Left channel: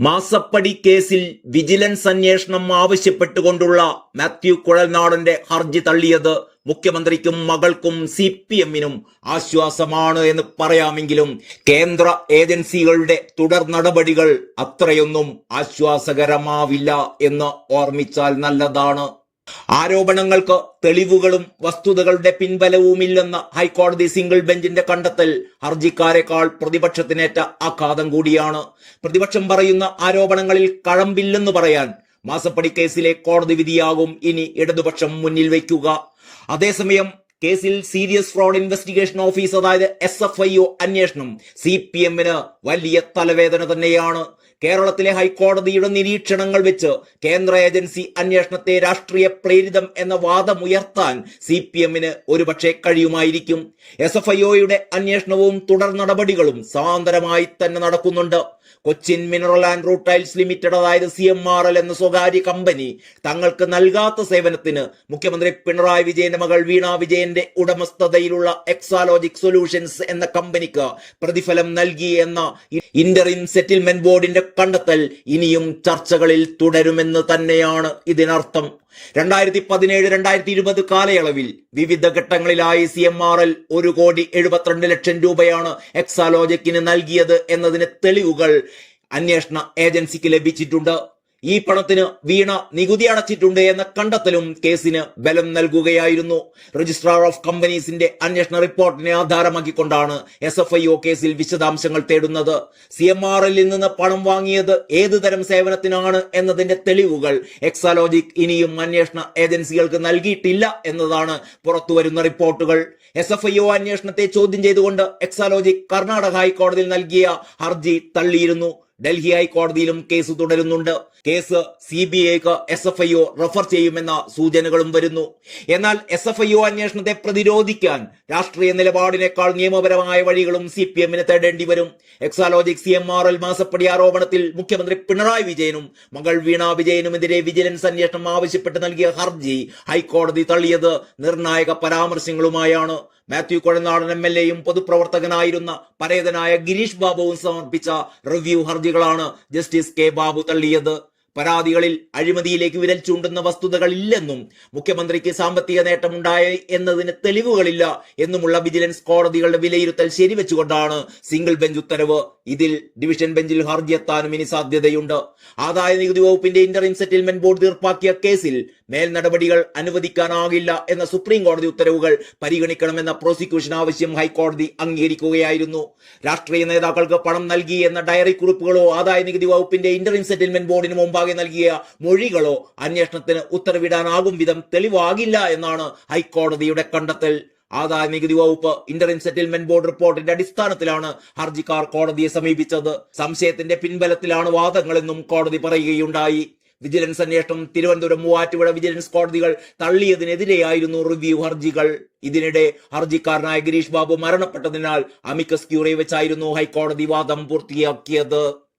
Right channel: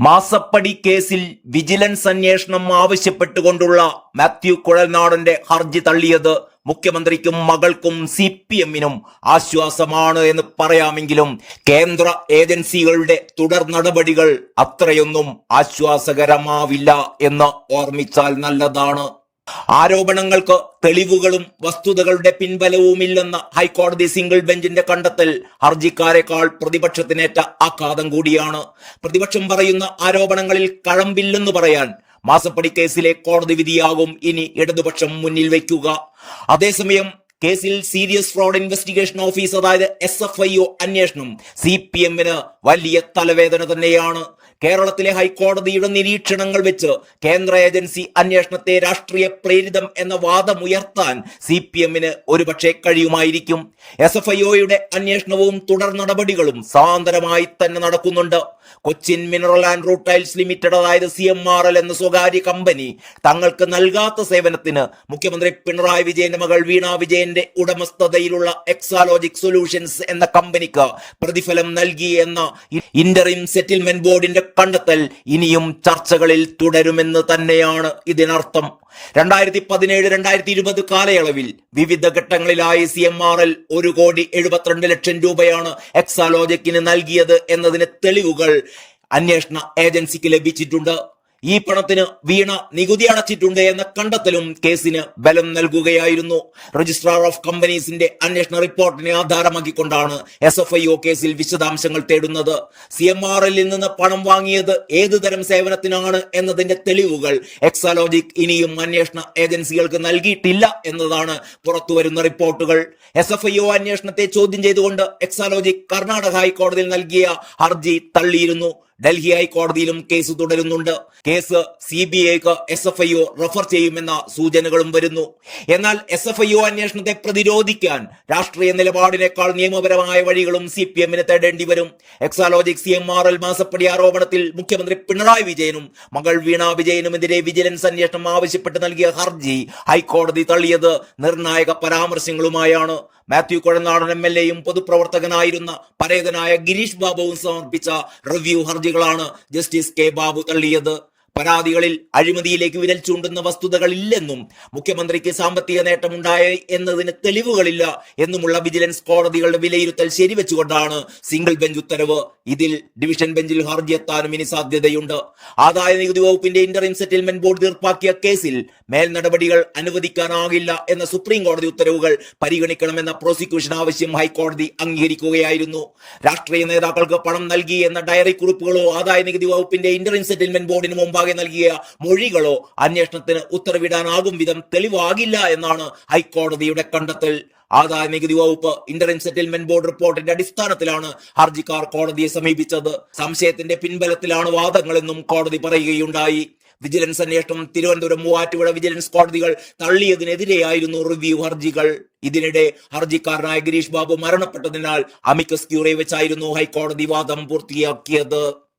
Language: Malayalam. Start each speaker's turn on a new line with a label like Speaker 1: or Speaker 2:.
Speaker 1: മാസപ്പടി കേസിൽ വിജിലൻസ് അന്വേഷണം ആവശ്യപ്പെട്ടുകൊണ്ടുള്ള മാത്യു കുഴൽനാടന്റെ ഹർജി തള്ളിയത് മുഖ്യമന്ത്രിക്കും മകൾക്കും സി പി എമ്മിനും ആശ്വാസമാണ് എന്ന് പറയാമെങ്കിലും കേന്ദ്ര ഏജൻസികളുടെ തുടർ നടപടികൾ അത്രയൊന്നും ആശ്വാസകരമാവില്ല എന്ന് ഓർമ്മിച്ചാൽ നല്ലതാണ്. ആരോപണങ്ങൾക്ക് തെളിവുകളും വസ്തുതകളുടെ പിൻബലവുമില്ലെന്ന ഹൈക്കോടതി സിംഗിൾ ബെഞ്ചിന്റെ കണ്ടെത്തൽ ഹർജിക്കാരെക്കാൾ പ്രതിപക്ഷത്തിനേറ്റ ആഘാതം കൂടിയാണ്. പ്രതിപക്ഷം പറയുന്ന ആരോപണങ്ങളിൽ കഴമ്പില്ലെന്ന് പറയാൻ മാസപ്പടി കേസിലെ കോടതി വിധിയാകും ഇനി ഇടതുപക്ഷം മുന്നിൽ വയ്ക്കുക. അതേസമയം കേസിൽ സീരിയസ് ഫ്രോഡ് ഇൻവെസ്റ്റിഗേഷൻ ഓഫീസ് അതായത് എസ് എഫ് ഐ ഒ അന്വേഷണം സി പി എമ്മിന് വലിയ തലവേദന തന്നെയാണ്. കേരളത്തിലെ ഹൈക്കോടതിയുടെ നിരീക്ഷണങ്ങൾ വെച്ച് കേന്ദ്ര ഏജൻസി അന്വേഷണത്തെ രാഷ്ട്രീയ പ്രേരിതം എന്ന വാദമുയർത്താൻ സി പി എമ്മിന് ഒരുപക്ഷെ കഴിയുമായിരിക്കും. എസ് എഫ് ഐ ഒയുടെ അന്വേഷണവും തുടർ നടപടികളും സാന്തരമായി തന്നെ നടക്കുന്നുണ്ട്. Cochin mineral and rutiles limited അതായത് സി എം ആർ എൽ എന്ന സ്വകാര്യ കമ്പനി തങ്ങൾക്ക് നൽകാത്ത സേവനത്തിന് മുഖ്യമന്ത്രി പിണറായി വിജയന്റെ മകൾ വീണ വിജയന്റെ ഉടമസ്ഥതയിലുള്ള എക്സാലോജിക് സൊല്യൂഷൻസ് എന്ന കമ്പനിക്ക് പ്രതിഫലം നൽകി എന്ന ഇന്ററിം സെറ്റിൽമെന്റ് ബോർഡിന്റെ കണ്ടെത്തൽ ഇനിയും ചർച്ചകളിൽ തുടരുമെന്ന് തന്നെയാണ് ഇതിനർത്ഥം. രണ്ടായിരത്തി പതിനേഴ് രണ്ടായിരത്തി ഇരുപത് കാലയളവിൽ വിവിധ ഘട്ടങ്ങളിലായി സി എം ആർ എൽ ഒരു കോടി എഴുപത്തിരണ്ട് ലക്ഷം രൂപയാണ് എക്സാലോജിക്കിന് നൽകിയത് എന്നതിന് തെളിവുകൾ അന്വേഷണ ഏജൻസിക്ക് ലഭിച്ചിട്ടുണ്ട്. ഈ പണത്തിന് വീണ നികുതി അടച്ചിട്ടുണ്ട് എന്ന കണ്ടെത്തലും കേസിന് ബലം നൽകുകയായിരുന്നു. രജിസ്ട്രാർ ഓഫ് കമ്പനീസിന്റെ അന്വേഷണ റിപ്പോർട്ടിനെ ആധാരമാക്കിക്കൊണ്ടാണ് എസ് എഫ് ഐ ഒ കേസിൽ വിശദാംശങ്ങൾ തേടുന്നത്. സി എം ആർ എല്ലിൽ നിന്ന് പണം വാങ്ങിയത് ഏതു തരം സേവനത്തിനാണ് എന്നതിന്റെ തെളിവുകൾ എക്സാലോജിക് ഇനിയും അന്വേഷണ ഏജൻസികൾക്ക് നൽകിയിട്ടില്ല എന്നതാണ് പുറത്തുവരുന്ന റിപ്പോർട്ടുകൾ. എസ് എഫ് ഐ ഒ അന്വേഷണത്തെ ചോദ്യം ചെയ്തുകൊണ്ട് എക്സാലോജിക് കർണാടക ഹൈക്കോടതിയിൽ നൽകിയ ഹർജി തള്ളിയിരുന്നു. ഡൽഹി ഹൈക്കോടതിയിലും കേസ് തുടരുന്നുണ്ട്. കേസ് സി ബി ഐക്ക് S F I O refer ചെയ്യുമെന്ന സൂചനകളും വരുന്നു. എന്നാൽ എസ് എഫ് ഐ ഒ അന്വേഷണത്തെ പ്രതിരോധിക്കാൻ രാഷ്ട്രീയ നിലപാടിനേക്കാൾ നിയമപരമായ വഴികളും സി പി എമ്മിന് തേടേണ്ടി വരും. Exalogic C M R L മാസപ്പടി ആരോപണത്തിൽ മുഖ്യമന്ത്രി പിണറായി വിജയനും മകൾ വീണ വിജയനുമെതിരെ വിജിലൻസ് അന്വേഷണം ആവശ്യപ്പെട്ട് നൽകിയ ഹർജി ഹൈക്കോടതി തള്ളിയത് നിർണായക പരാമർശങ്ങളുമായാണ്. മാത്യു കുഴനാടൻ എം എൽ എയും പൊതുപ്രവർത്തകനായിരുന്ന പരേതനായ ഗിരീഷ് ബാബുവും സമർപ്പിച്ച റിവ്യൂ ഹർജികളാണ് ജസ്റ്റിസ് കെ ബാബു തള്ളിയത്. പരാതികളിൽ അഴിമതിയിലേക്ക് വിരൽ ചൂണ്ടുന്ന വസ്തുതകളില്ലെന്നും മുഖ്യമന്ത്രിക്ക് സാമ്പത്തിക നേട്ടമുണ്ടായ എന്നതിന് തെളിവുകളില്ല എന്നുമുള്ള വിജിലൻസ് കോടതികളുടെ വിലയിരുത്തൽ ശരിവെച്ചുകൊണ്ടാണ് സിംഗിൾ ബെഞ്ച് ഉത്തരവ്. ഇതിൽ ഡിവിഷൻ ബെഞ്ചിൽ ഹർജി എത്താനും ഇനി സാധ്യതയുണ്ട്. ആദായ നികുതി വകുപ്പിന്റെ ഇന്ററിം സെറ്റിൽമെന്റ് ബോർഡ് തീർപ്പാക്കിയ കേസിൽ മേൽ നടപടികൾ അനുവദിക്കാനാകില്ല എന്ന സുപ്രീം കോടതി ഉത്തരവുകൾ പരിഗണിക്കണമെന്ന പ്രോസിക്യൂഷൻ ആവശ്യം ഹൈക്കോടതി അംഗീകരിക്കുകയായിരുന്നു. രാഷ്ട്രീയ നേതാക്കൾക്ക് പണം നൽകി എന്ന ഡയറി കുറിപ്പുകളോ ആദായ നികുതി വകുപ്പിന്റെ ഇന്ററിം സെറ്റിൽമെന്റ് ബോർഡിന് മുമ്പാകെ നൽകിയ മൊഴികളോ അന്വേഷണത്തിന് ഉത്തരവിടാനാകും വിധം തെളിവാകില്ല എന്നാണ് ഹൈക്കോടതിയുടെ കണ്ടെത്തൽ. ആദായ നികുതി വകുപ്പ് ഇന്റർ സെറ്റിൽമെന്റ് ബോർഡ് റിപ്പോർട്ടിന്റെ അടിസ്ഥാനത്തിലാണ് ഹർജിക്കാർ കോടതിയെ സമീപിച്ചത്. സംശയത്തിന്റെ പിൻബലത്തിലാണ് വാദങ്ങളെന്നും കോടതി പറയുകയുണ്ടായി. വിജിലൻസ് അന്വേഷണം തിരുവനന്തപുരം മൂവാറ്റുപുഴ വിജിലൻസ് കോടതികൾ തള്ളിയതിനെതിരെയായിരുന്നു റിവ്യൂ ഹർജികൾ. ഇതിനിടെ ഹർജിക്കാരനായ ഗിരീഷ് ബാബു മരണപ്പെട്ടതിനാൽ അമിക്കസ് ക്യൂറി വെച്ചായിരുന്നു ഹൈക്കോടതി വാദം പൂർത്തിയാക്കിയത്.